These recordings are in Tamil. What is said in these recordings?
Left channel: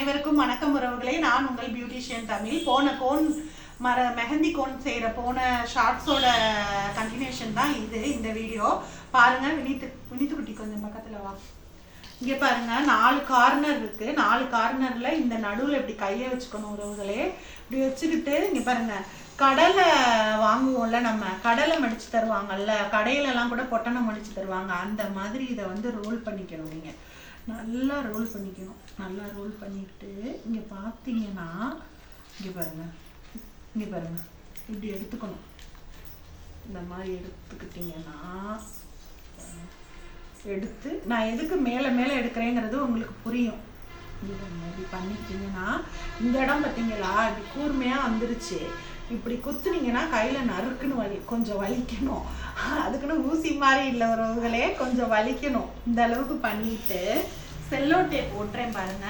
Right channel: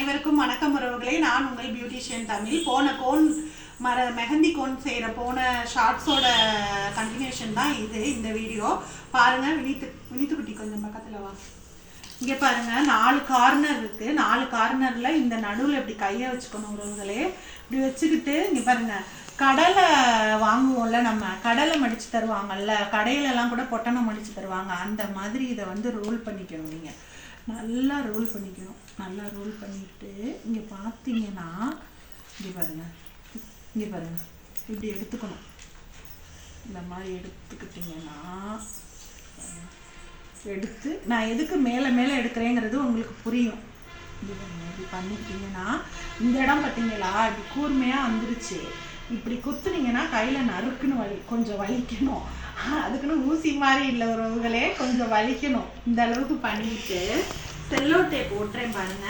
அனைவருக்கும் வணக்கம் உறவுகளே. நான் உங்கள் பியூட்டிஷியன் தமிழ். போன கோன் மர மெஹந்தி கோன் செய்கிற போன ஷார்ட்ஸோட கண்டினியூஷன் தான் இது இந்த வீடியோ பாருங்கள் வினித்து வினித்து குட்டி கொஞ்சம் பக்கத்தில் வா. இங்கே பாருங்கள் நாலு கார்னர் இருக்குது நாலு கார்னரில் இந்த நடுவில் இப்படி கையை வச்சுக்கணும் உறவுகளே. இப்படி வச்சுக்கிட்டு இங்கே பாருங்கள் கடலை வாங்குவோம்ல நம்ம. கடலை மடித்து தருவாங்கல்ல கடையிலலாம் கூட பொட்டணம் மடித்து தருவாங்க. அந்த மாதிரி இதை வந்து ரோல் பண்ணிக்கணும் நீங்கள் நல்லா ரோல் பண்ணிக்கணும். நல்லா ரோல் பண்ணிட்டு இங்கே பார்த்தீங்கன்னா இங்கே பாருங்க. இங்கே பாருங்க. இப்படி எடுத்துக்கணும். இந்த மாதிரி எடுத்துக்கிட்டிங்கன்னா எடுத்து நான் எதுக்கு மேலே மேலே எடுக்கிறேங்கிறது உங்களுக்கு புரியும். இது இப்படி பண்ணிக்கிட்டீங்கன்னா இந்த இடம் பார்த்தீங்களா இப்படி கூர்மையாக வந்துருச்சு. இப்படி குத்துனீங்கன்னா கையில் நறுக்குன்னு வலி கொஞ்சம் வலிக்கணும். அதுக்குன்னு ஊசி மாதிரி இல்லை உறவுகளே கொஞ்சம் வலிக்கணும். இந்த அளவுக்கு பண்ணிட்டு செல்லோ டேப் ஓட்டுறேன் பாருங்க.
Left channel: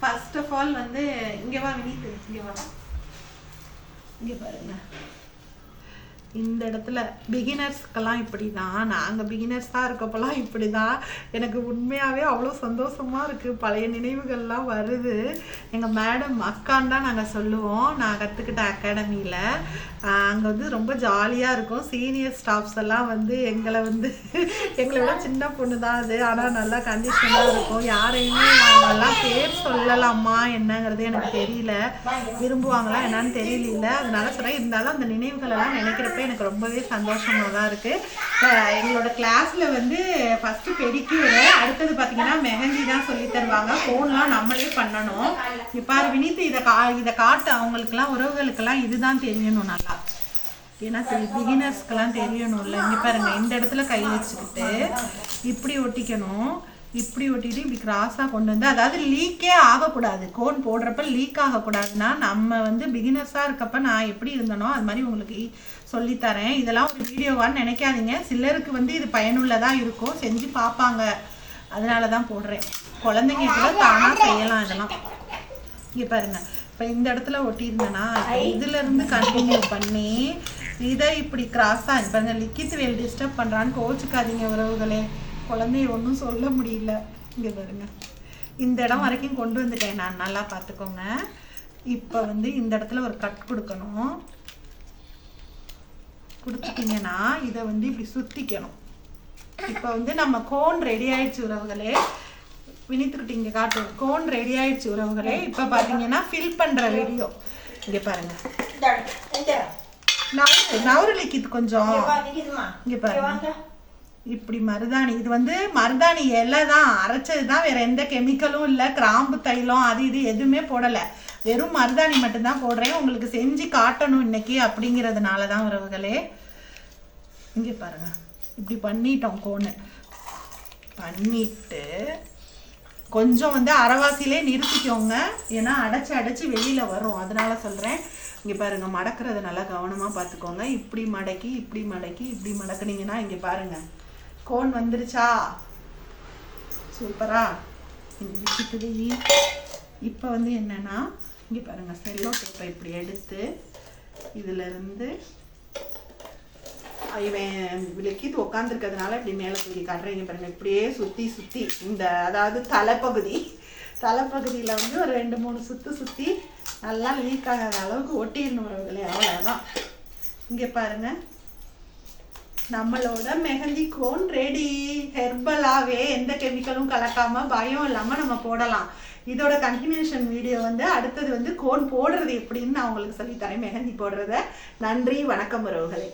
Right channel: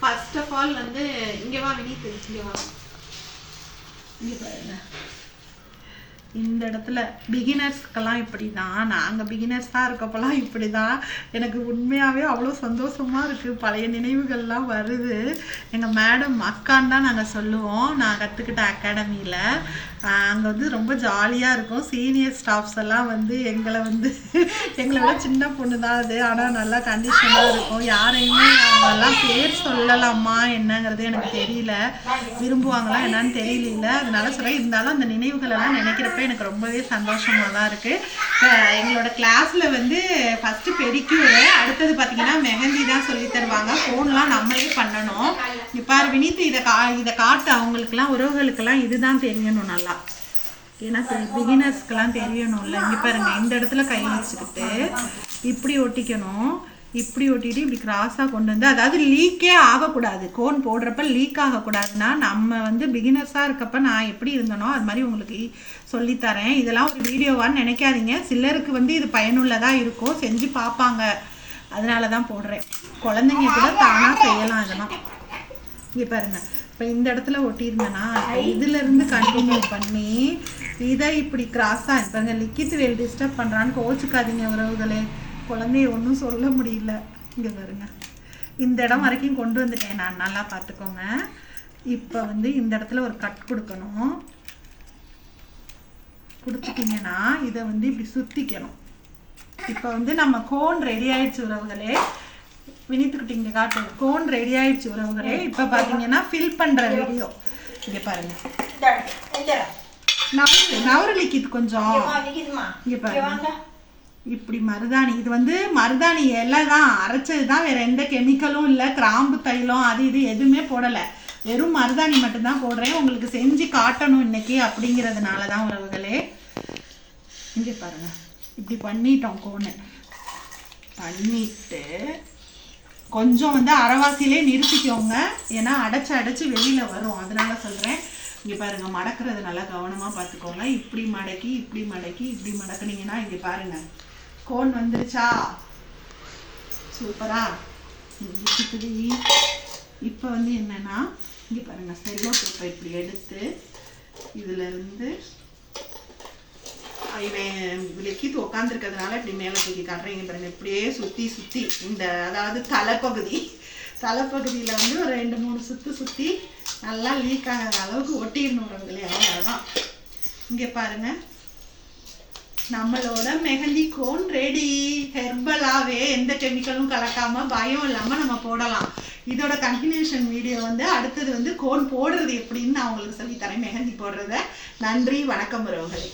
ஃபர்ஸ்ட் ஆஃப் ஆல் வந்து இங்கே வா வினி இங்கே வா. இங்கே பாருங்க. இந்த இடத்துல பிகினர்ஸ்க்கெல்லாம் இப்படி தான் நாங்கள் பிகினர்ஸ் தான் இருக்கப்பெல்லாம் இப்படி தான் எனக்கு உண்மையாகவே அவ்வளோ சந்தோஷமாக இருக்குது பழைய நினைவுகள்லாம் வருது. எங்கள் மேடம் அக்கான்னு தான் நாங்கள் சொல்லுவோம். நான் கற்றுக்கிட்ட அகாடமியில். அங்கே வந்து ரொம்ப ஜாலியாக இருக்கும். சீனியர் ஸ்டாஃப்ஸ் எல்லாம் வந்து எங்களை வந்து எங்களை விட சின்ன பொண்ணு தான் அது. ஆனால் நல்லா கண்டிஷனாக இருக்கும். யாரையுமே அவங்கெல்லாம் பேர் சொல்லலாமா என்னங்கிறது எனக்கு தெரியல. விரும்புவாங்களா என்னன்னு தெரியல. அதனால சொல்கிறேன் இருந்தாலும் அந்த நினைவுகள் எல்லாம் எனக்கு ரொம்பவே சந்தோஷமாக தான் இருக்குது எங்களோட கிளாஸில் வந்து ஃபஸ்ட்டு பெடிக்யூரு அடுத்தது பார்த்தீங்கன்னா மெஹந்தி தான் சொல்லி தருவாங்க. ஃபோன்லாம் நம்மளே பண்ணணும். இப்போ வினித் இதை கா இதை காட்டு. அவங்களுக்குலாம் உறவுகளுக்கெல்லாம் இதுதான் தெரியணும் நல்லா. ஏன்னா பிகினர்ஸ்க்கெல்லாம் தெரியணும்ல. இங்கே பாருங்க இந்த இடத்துல கை வச்சுக்கிட்டு இப்படி ஒட்டிக்கணும். இப்படி ஒட்டிட்டு இப்படி கிராஸாக கொண்டு வந்து அதாவது லீக்கே ஆகக்கூடாது. கோன் போடுறப்ப லீக் ஆகக்கூடாதுன்னா நம்ம வந்து பிகினர்ஸாக இருக்கப்ப நான் எப்படி இருந்தனோ அது மாதிரி உங்களுக்கு சொல்லித்தரேன். இதெல்லாம் ஒரு வீடியோவான்னு நினைக்காதீங்க. சிலருக்கு வந்து இது பயனுள்ளதாக இருக்கும் செஞ்சு பார்ப்பாங்க. அதனால தான் போடுறேன். குழந்தைங்க கூட தானாக செய்யலாம் இதெல்லாம். இங்கே பாருங்க. இப்போ இந்த இடத்துல ஒட்டியிருந்தேன்னா இதுல இருந்து கண்டினியூ பண்ணி இதை இப்படி கிராஸாக இப்போ இந்த லிக்கித் வேல் டிஸ்டர்ப் பண்ணுறான்னு கோச்சுக்காதீங்க உறவுகளே. குழந்தைய ஒன்றும் சொல்ல முடியல. இங்கே பாருங்க. இந்த இடம் வரைக்கும் கொண்டு வந்துட்டேன் நான். நல்லா பார்த்துக்கோங்க. இப்போ வந்து இந்த இடத்துல ஒரு கட் கொடுக்கணும். கொடுத்துட்டீங்கன்னா இதை வந்து இப்படி சுற்றிக்கணும் இப்போ வந்து நம்ம கோன் ரெடி ஆயிடுச்சு உறவுகளே. வினித்துக்கிட்டு இங்கே காட்டு. கோன் ரெடி ஆயிடுச்சு உறவுகளே. இப்போ பார்த்தீங்கன்னா ஃபில் பண்ணுற வீடியோ இங்கே பாருங்க. நவரு நவரு லிக்கிது கொஞ்சம். இங்கே பாருங்க. இப்படி மருதாணி இது வந்து மருதாணி இலை தான் அரைச்சது தான் வேற எந்த கெமிக்கலும் இல்லை கிராம்பு தைலம் அது இது எதுவுமே போடலை. வெறும் மருதாணி மட்டும்தான் போடுறேன். உங்களுக்கு செஞ்சு காட்டணும் இன்னைக்கு அப்படிங்கிறதுனால தான் உறவுகளே இங்கே பாருங்க. இப்படி பண்ணிட்டோம் கோனு பண்ணிட்டு கொஞ்சம் வந்து அரைவாசிலே நிறுத்திக்கோங்க. ஏன்னா அடைச்சு அடைச்சு வெளியில் வரும். அதனால சொல்கிறேன் இங்கே பாருங்க மடக்கிறது நல்லா கவனமாக பார்த்துக்கோங்க. இப்படி மடக்கி இப்படி மடக்கி இப்படி மடக்குனீங்கன்னா இங்கே பாருங்கள் கோன் வந்துருச்சா? சூப்பரா. இப்போ வந்து என்னன்னா இங்கே பாருங்க செல்லோ பேப்பர் இப்படி எடுத்து இதுல இருந்து இவன் விளக்கிட்டு உட்காந்துருக்கிறதுனால இப்படி மேலே தூக்கி காட்டுறீங்க பாருங்க இப்படியே சுற்றி சுற்றி இந்த அதாவது தலைப்பகுதி. தலைப்பகுதியில் வந்து ஒரு ரெண்டு மூணு சுற்று சுற்றி நல்லா லீக் ஆகாத அளவுக்கு ஒட்டிடணும் அவங்களே அவ்வளோதான் இங்கே பாருங்கள் நம்மளோட மெஹந்தி கோன் ரெடி ஹெர்பலாகவே எந்த கெமிக்கலும் கலக்காமல் பயம் இல்லாமல் நம்ம போடலாம். இதோட கண்டினியூஷன் வீடியோ வந்து அடுத்தது வந்து கோன் போடுறது எப்படின்னு நான் உங்களுக்கு சொல்லித்தரேன். மெஹந்தி போடுறத. நன்றி வணக்கம் உறவுகளே.